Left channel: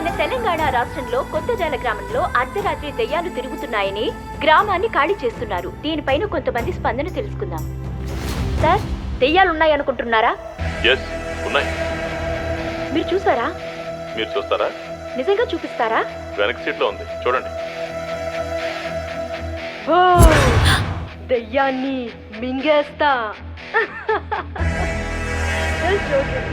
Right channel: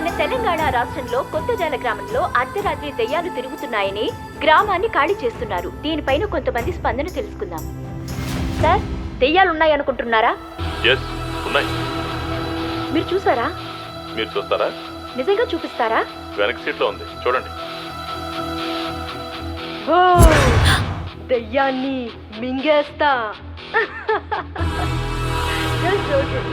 మన తెలంగాణ రాష్ట్రంలో కొత్తజాల గ్రామంలో అర్ధరాత్రి దెయ్యాలు తిరుగుతున్నాయని గ్రామాన్ని ఖాళీ చేస్తున్నారు. దీనిపైన కొంతమంది స్పందన తెలుసుకుందాం. సార్, దెయ్యాలు ఉన్నాయనుకుంటున్నారా? ఎస్, ఉన్నాయి. మీరు చూసారా? మీరు చూస్తారా? నిజంగా చూపిస్తారా? వెనక సీట్లో ఉంది, చూడండి. దెయ్యాన్ని మింగేస్తా. Just joking.